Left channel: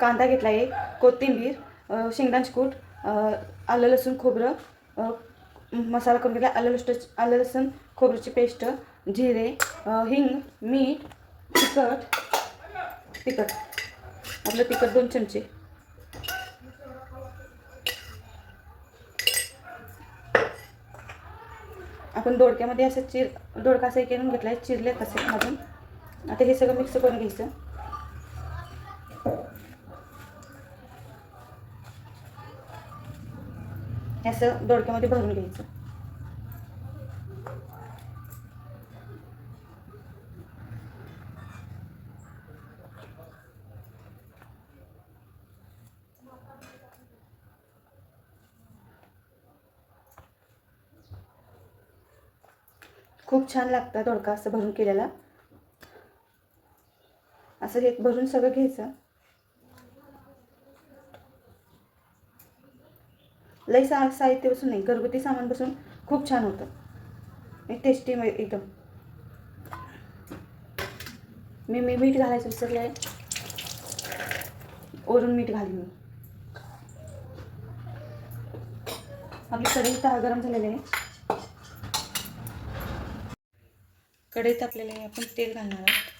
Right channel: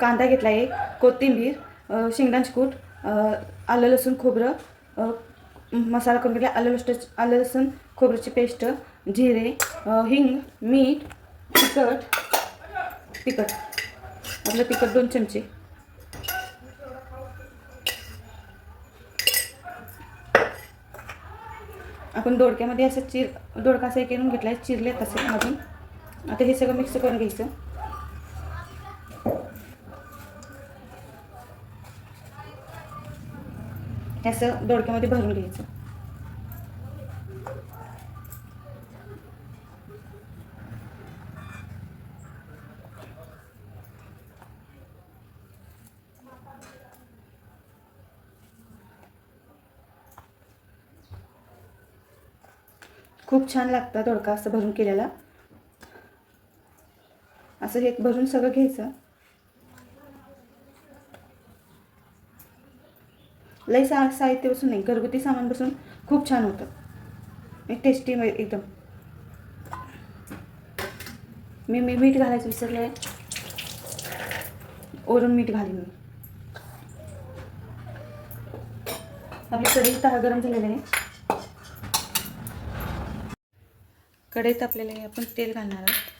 कांदा घेतला आहे, कोथिंबीर, शेंगदाण्याचे कूट, आलं लसूण खोबरं मसाला करून घेतला, आलं लसूण खोबऱ्याची पेस्ट, जिरे, हिंग, मीठ, तिखट आपलं तिखट 2 चमचे. आपण दोडक्यामध्ये असं दोडका असं करून घेतला आहे, चिरले तसे अजून. आता हे सगळं मिक्स करून घ्यायचं. असं दोडक्यामध्ये भरून घ्यायचं. खूप छान लागतं दोडका असं भरून केलेला. असं हे भरून सगळं घ्यायचं. लई साहित्य बसून नाही, घरगुती सामान बसून खूप छान होतं, टेस्टी एकदम. मी मीठ घालायचं विसरले आहे, वरून मीठ घालीन मी. आपली कढई गरम झालेली आहे. कढईत आपल्याला आपण तेल घालणार आहोत.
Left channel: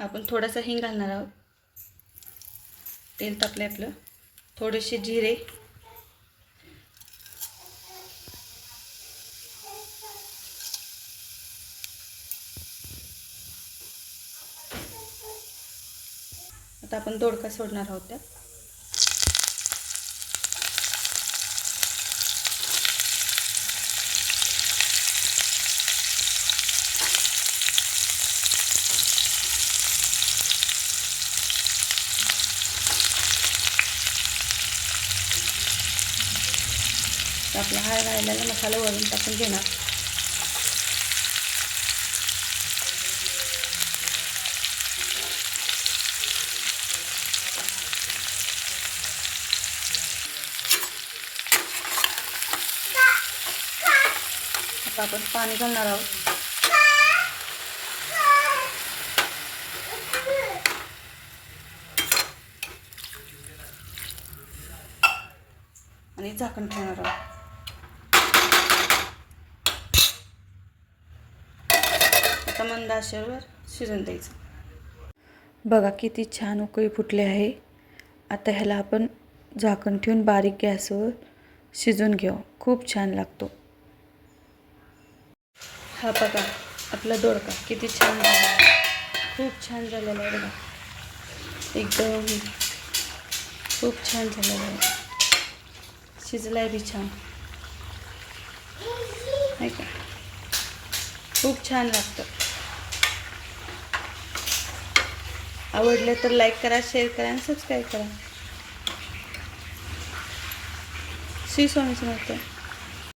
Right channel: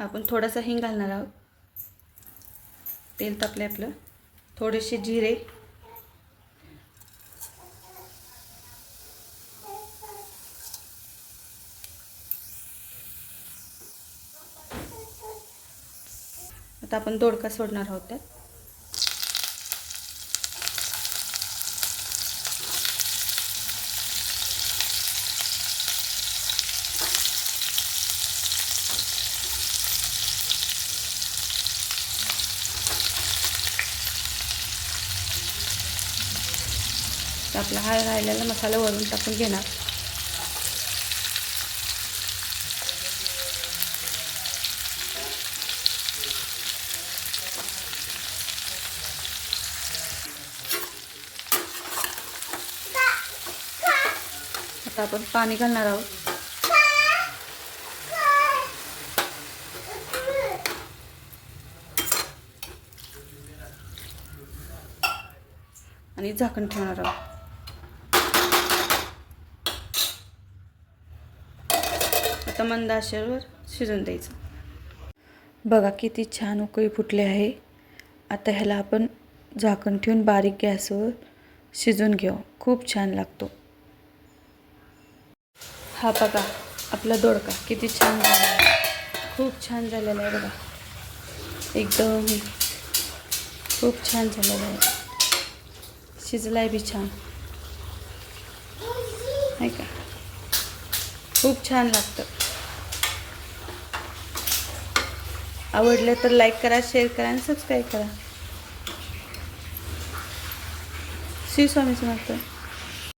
आपण थोडासा हिंग घालणार आहोत. तेल तापले आपलं. थोडेसे जिरे, आता आपण दोडका सोडणार आहोत त्यात. आपला हा राहिलेला मसाला वरून टाकून घेणार. आता आपण पाणी घालणार आहोत. आणि झाकण ठेवणार आहोत. आता मंद आचेवर शिजून द्यायचं. बघा किती छान उकळी फुटली आहे. आता ह्याला आपण झाकण ठेवून बारीक गॅसवर शिजून घेऊ. खूप छान लागतो. हा बघा आपला दोडका किती छान झाला आहे. खूप छान झालेला आहे बघा. एकदम खूप छान झालेला आहे. शिजलाय बी छान आहे का. खूप छान लागतं. आवडलं तर लाईक करा, शेअर करा आणि सबस्क्राईब करा. श्री स्वामी समर्थ.